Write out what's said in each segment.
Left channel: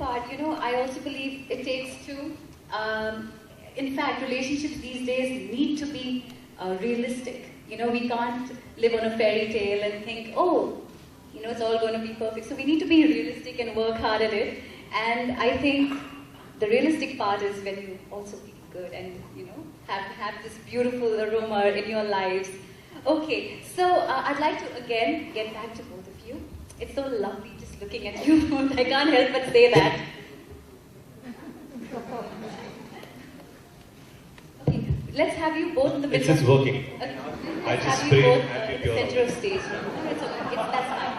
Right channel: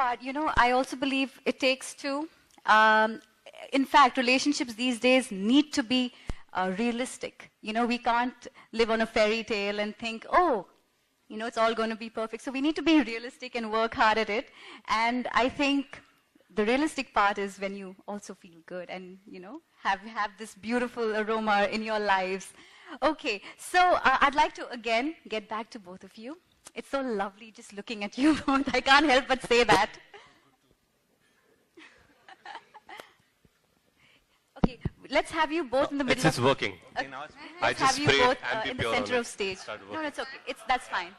part, I also believe it takes two. In fact, relationships these days need to be realistic. We can't live on a fairy tale and think, oh, it's all going to be perfect. So we need to be realistic and work hard at it. And I think the realistic part is when you also feel good and, have this beautiful aroma in your lives. Okay, so I'd like to again get back to both of you. It's so lovely just looking at you. I can't help but say that. Okay, let's have you both in the middle. This is working. I just sprayed in the center of stage. No, it's okay. That's fine.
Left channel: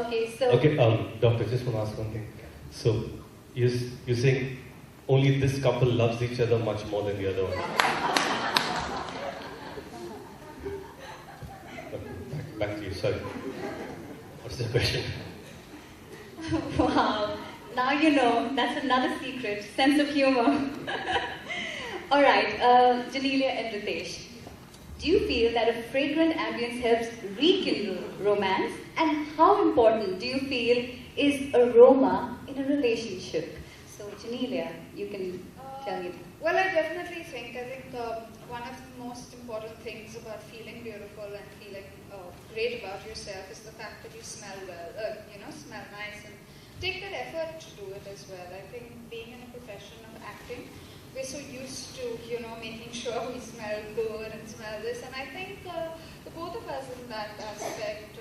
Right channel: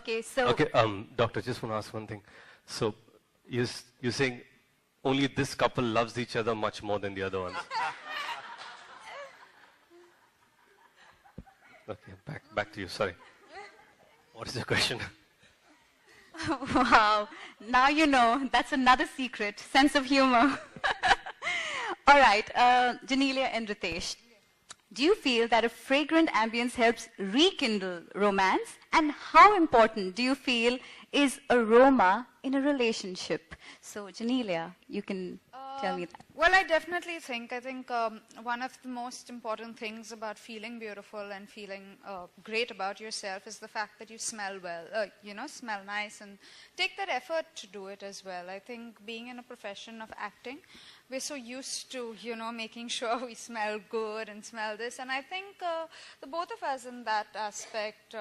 Okay, so. Okay, doctor, just want to ask one thing. So, you're saying only this couple loves each other much more than the other one. Okay, back to you, sorry. What is the question? Wow, now you know. That's another secret, sense of humor. All right, Genelia and Riteish, do you feel that a fragrant ambience helps rekindle romance? And how important do you feel is aroma in a relationship? So, Genelia, you can tell me. Well, I definitely think, one of the most important things about feeling beautiful and feeling great about yourself is the fact that you smell well, smell nice, and take that effort to do it as well. I think being in a profession of acting, we're so used to, making sure we smell good and smell this, and I think the both of us in that aspect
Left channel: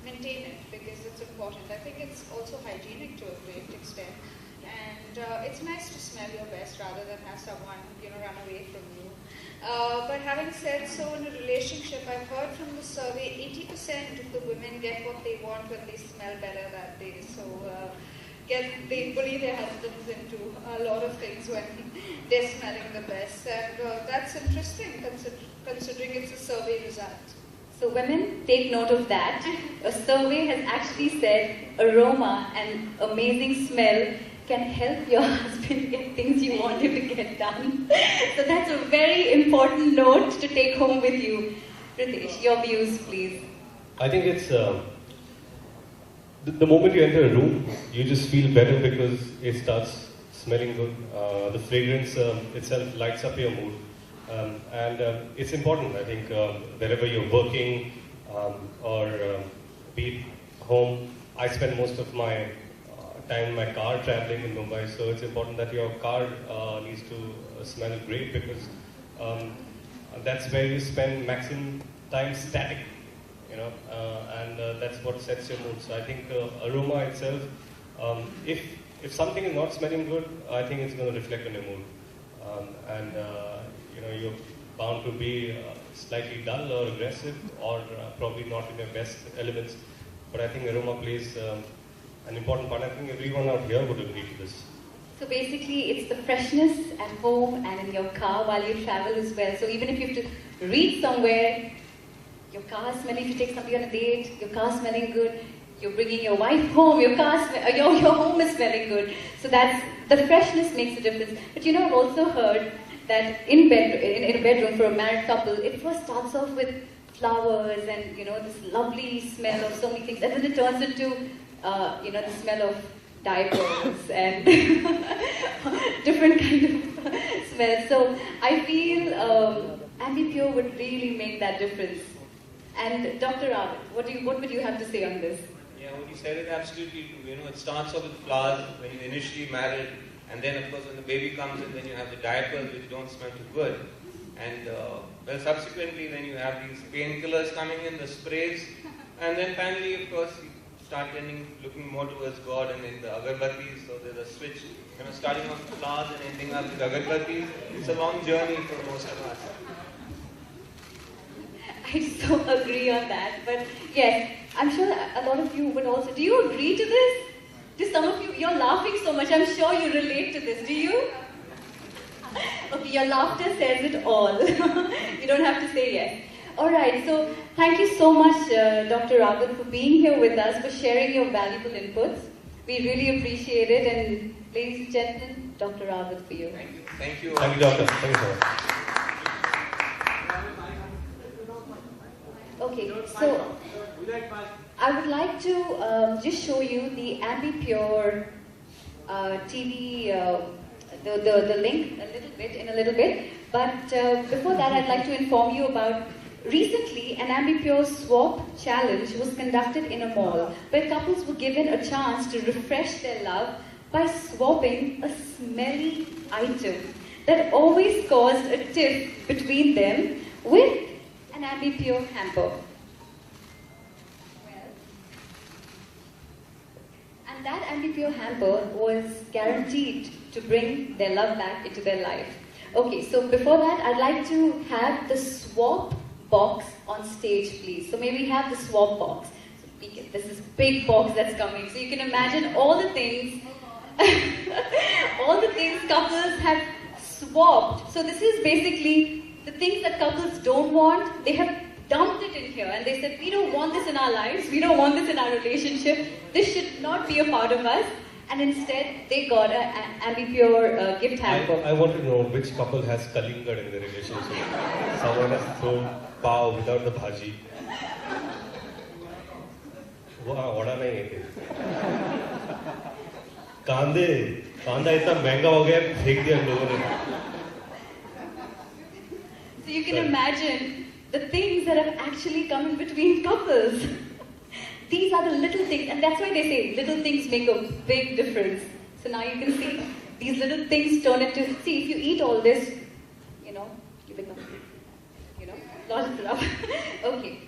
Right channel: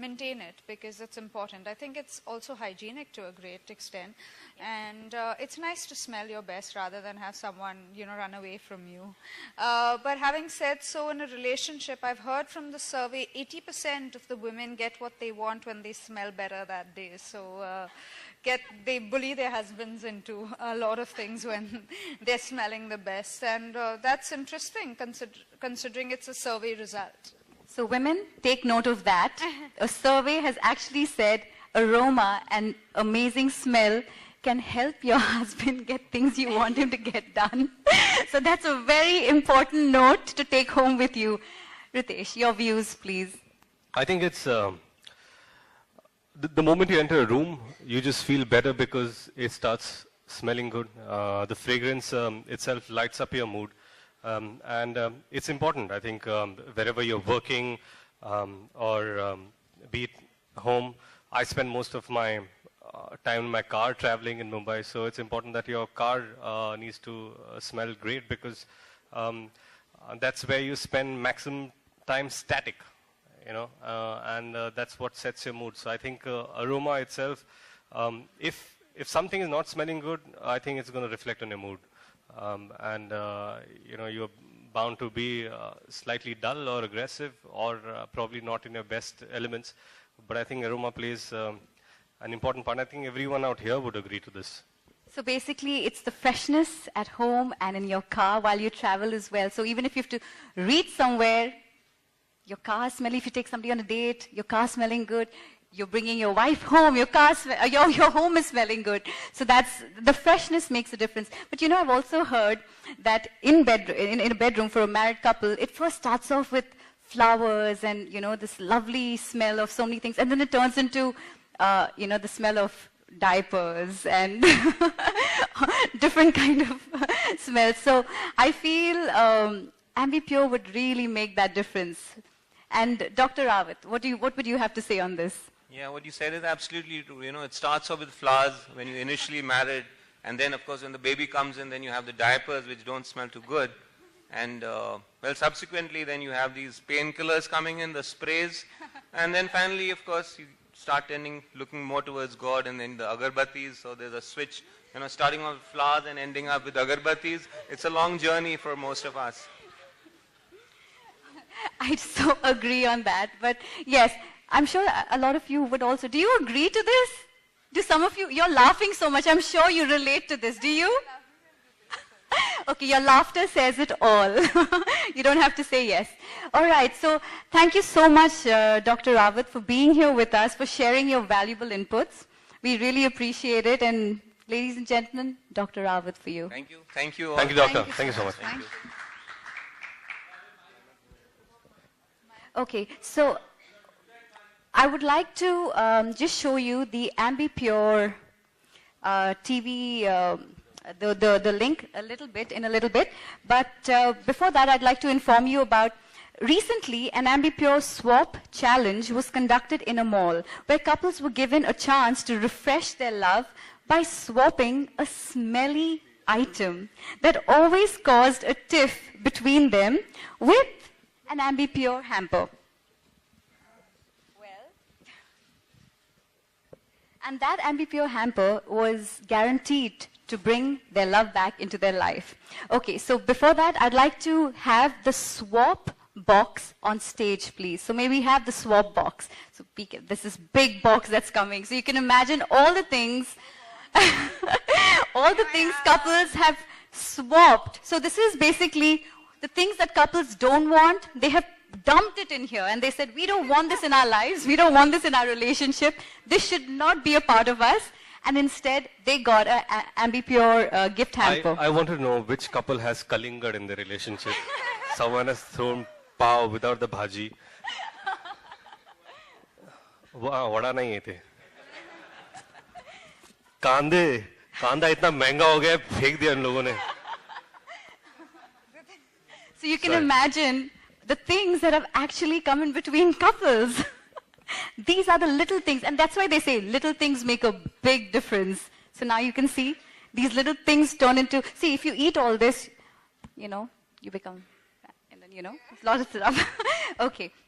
maintain it because it's important. I think it's also hygienic to a great extent, and it's nice to smell your best rather than have someone, run away from you. But having said so, in a relationship, I've heard from the survey, 80% of the women get what they want when they smell better that day. So they bully their husbands into a lot of things when they're smelling the best. And that's interesting considering it's a survey result. So women, take note of that. A survey has actually said aroma and amazing smell can help your husband get things you want him to get done. So that's a very important note to take home with you. Riteish, your views, please. I think it's the moment you enter a room, you just feel better because it starts smelling good. The fragrance itself lights up your mood. And it's important, I think, wherever you're working or be it home. I spend most of my time in my car traveling in Mumbai, so it's important that your car needs to smell great because that's where you spend maximum time static, and that's what sets your mood. So I think aroma itself, if something is not smelling good, I think it's going to reflect on your mood, and you're bound to be slightly dull or aggressive or probably not in your best elements. But I think aroma plays an important part. I think everyone out here would agree to this. So basically, it's the freshness at home and in your car while you travel as well. So even if you have to reach somewhere, your car is smelling. If you take somebody on a date, your car is smelling good. You're bringing your wife home, your home is smelling good. So that's the freshness makes a difference. But I've also heard that in a bedroom for a married couple, it first starts off with flowers and this lovely smell of so many things, and then it turns into the smell of diapers and different kind of smells. So I feel Ambi Pur would really make that difference. And Dr. Rawat, what would you have to say on this? Yeah, what you said is absolutely true. It starts off with flowers when you're initially married, and then of course when the baby comes in, then you have the diapers which don't smell too good. And subsequently then you have these painkillers coming in, the sprays, and then finally of course you start looking more towards God, and then the agarbattis. So there's a switch, starting off with flowers and ending up with agarbattis. It's a long journey for most of us. I so agree on that. But yes, I'm sure a lot of you would also. Do you agree to this? Do some of you, you're laughing so much, I'm sure you relate to this. Do you? Okay, your laughter says it all. You don't have to say yes. All right, so thank you so much, Dr. Rawat, for being here with us, for sharing your valuable inputs. We really appreciate it. And ladies and gentlemen, Dr. Rawat for you. Thank you. Thank you. Thank you, doctor. Thank you so much. Okay, so I would like to just show you the Ambi Pur TV, the link in a little bit. But before that, I'd like to inform you about recently an Ambi Pur swap challenge was conducted in a mall where couples were given a chance to refresh their love by swapping a smelly item that always caused a tiff between them with an Ambi Pur hamper. And that Ambi Pur hamper was guaranteed to bring their love back into their life. Okay, so before that, I'd like to have the swap box on stage, please. So may we have the swap box? So this is big box that's coming. So you can imagine all the things, all the things couples have swapped. So this is basically the things that couples don't want. They have dumped it in here and they said, we don't want this in our lives. We don't want this in our relationship. This should not be a part of us. And instead, they got an Ambi Pur gift hamper. I want to know which couple has Kalinga in the relationship. Someone has thrown pav without the bhaji. Wow, what are they? कांदा इतना महंगा हो गया फेंक दिया लोगों ने. So you can imagine the things that have actually come in between couples. These are the little things, and that's why they say little things make a big difference. So now you can see these little things turn into, see, if you eat all this, you become, lot of stuff. Okay.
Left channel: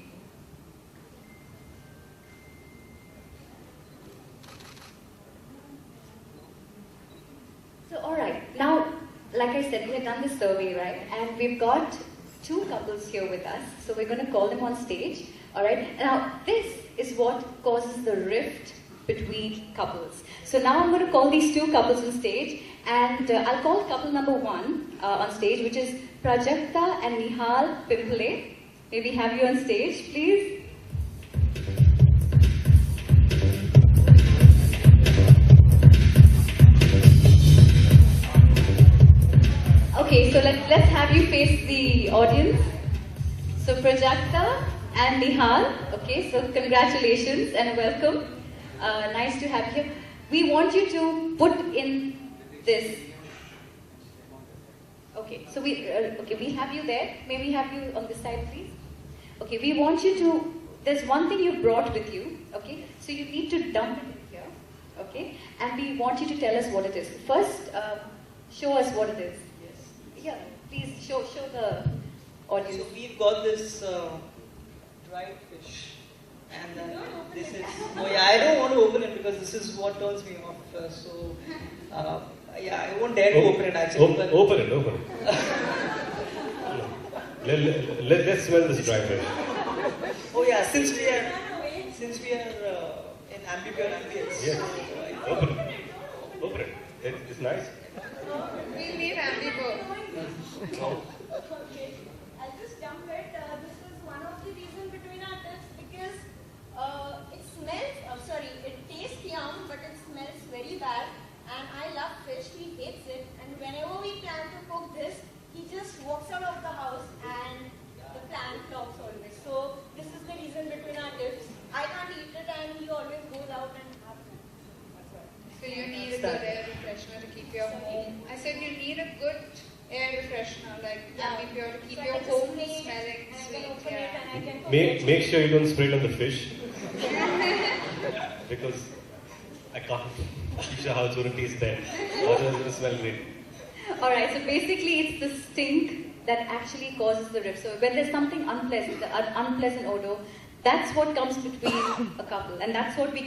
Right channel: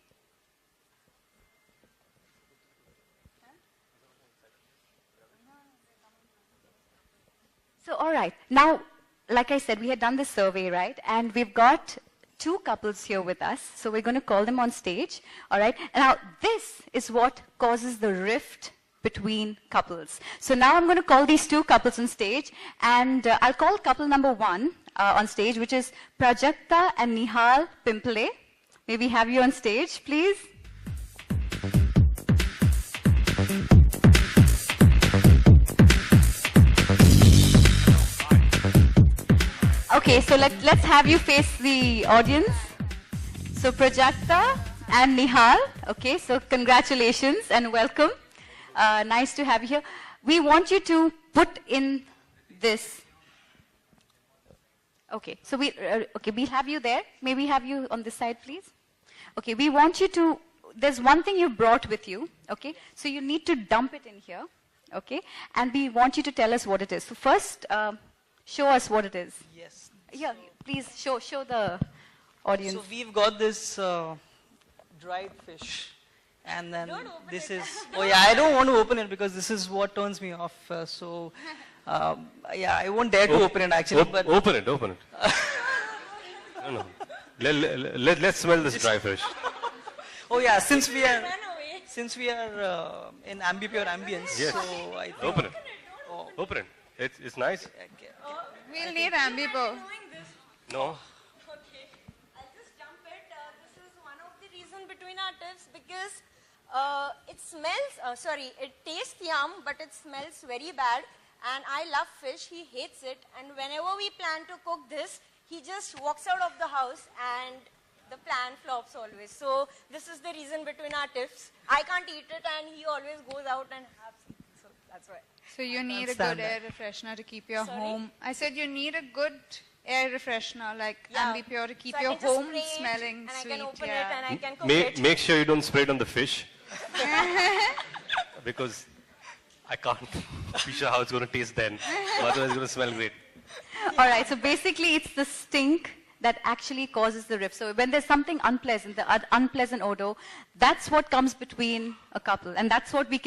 So, all right. Now, like I said, we had done this survey, right? And we've got 2 couples here with us. So we're going to call them on stage. All right. Now, this is what causes the rift between couples. So now I'm going to call these 2 couples on stage, and I'll call couple number 1 on stage, which is Prajakta and Nihal Pimple. May we have you on stage, please? Okay, so let's have you face the audience. So Prajakta and Nihal, okay, so congratulations and welcome. Nice to have you here. We want you to put in this. Okay, so we have you there. May we have you on this side, please? Okay, we want you to, there's one thing you brought with you, okay? So you need to dump it in here, okay? And we want you to tell us what it is. So first, show us what it is. Yes. Yeah, please show the audience. So we've got this dried fish, and then this is. Oh yeah, I don't want to open it because this is what turns me off. Yeah, I won't dare to open it actually. But Open it. Let's smell this dry fish. Oh yeah, since we are in Ambi Pur ambience. Yes. So Open it. It's nice. We'll need Ambi Pur. No. I'll just jump it. This is one of the reasons between our tips because it smells, it tastes yum, but it smells very bad. And I love fish, he hates it. And whenever we plan to cook this, he just walks out of the house and the plan flops always. So this is the reason between our tips. I can't eat it and he always goes out and has it. So that's why. So you need a good air freshener to keep your home. I said you need a good air freshener like Ambi Pur to keep So your I can home just spray smelling and sweet. I can open it and I can cook it. Make sure you don't spray it on the fish. Because I can't. Fish house wouldn't taste then. Otherwise it will smell great. Alright, so basically it's the stink that actually causes the rift. So when there's something unpleasant, the unpleasant odor, that's what comes between a couple. And that's what we can